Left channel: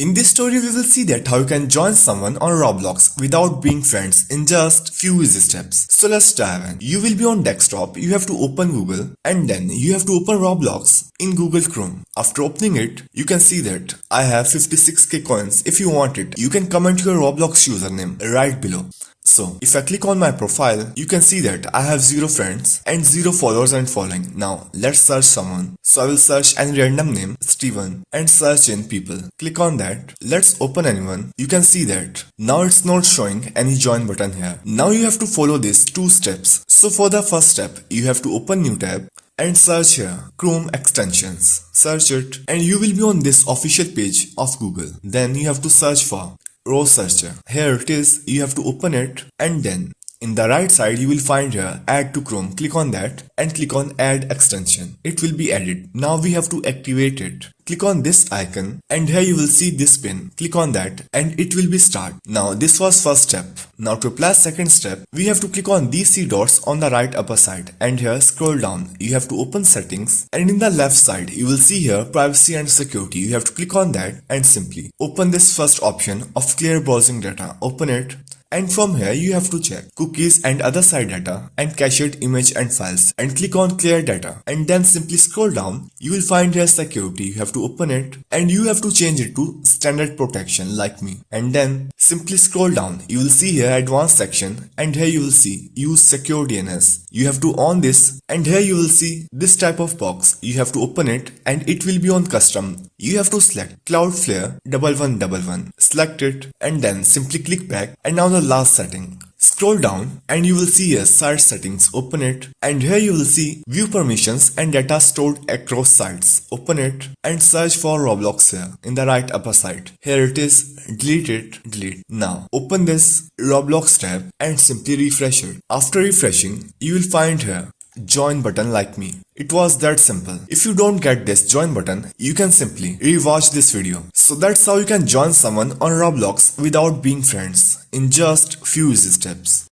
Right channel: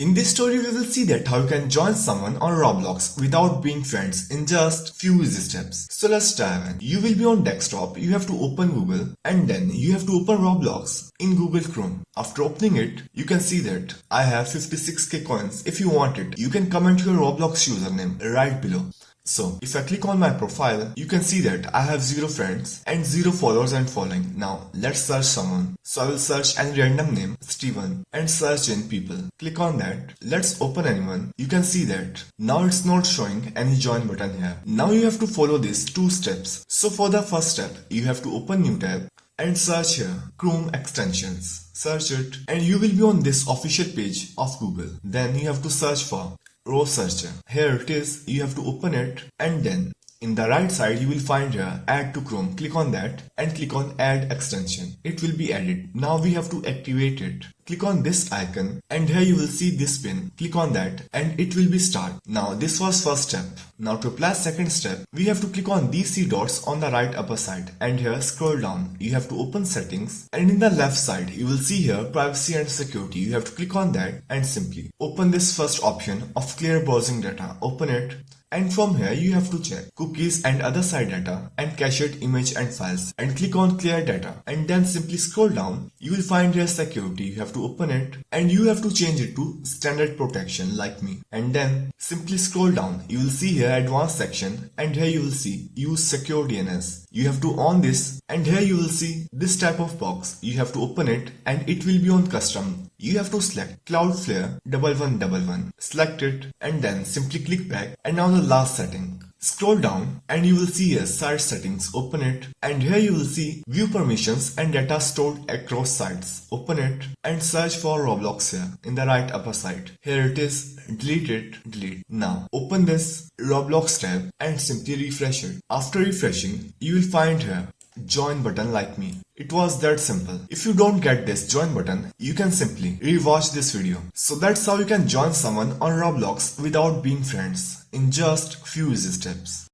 In this story, we will see that how you can join someone on Roblox without being friends in just few easy steps. So let's dive in. You will be on desktop, you have to open Google and then you have to open Roblox in Google Chrome. After opening it, you can see that I have 56k coins. If you want it, you can comment your Roblox username right below. So, if I click on my profile, you can see that I have 0 friends and 0 followers and following. Now, let's search someone. So I will search any random name, Steven, and search in people. Click on that. Let's open anyone. You can see that now it's not showing any join button here. Now you have to follow these 2 steps. So for the first step, you have to open new tab and search here Chrome extensions. Search it and you will be on this official page of Google. Then you have to search for Raw Searcher. Here it is, you have to open it and then in the right side you will find here Add to Chrome. Click on that and click on Add Extension. It will be added. Now we have to activate it. Click on this icon and here you will see this pin. Click on that and it will be start. Now this was first step. Now to apply second step, we have to click on these 3 dots on the right upper side and here scroll down. You have to open settings and in the left side you will see here privacy and security. You have to click on that and simply open this first option of clear browsing data. Open it. And from here you have to check cookies and other side data and cached image and files and click on clear data and then simply scroll down. You will find here security. You have to open it and you have to change it to standard protection like me and then simply scroll down. You will see here advanced section and here you will see use secure DNS. You have to on this and here you will see this type of box. You have to open it and it will be on custom. You have to select Cloudflare 1111. Select it and then simply click back and now the last setting. Scroll down and you will see here site settings. Open it and here you will see view permissions and data stored across sites. Open it and search for Roblox here in the right upper side. Here it is. Delete it. Delete. Now open this Roblox tab and simply refresh it. After refreshing, you will find here join button like me. It was that simple. If you don't get this join button, you can simply rewatch this video. So that's how you can join someone on Roblox without being friends in just few easy steps.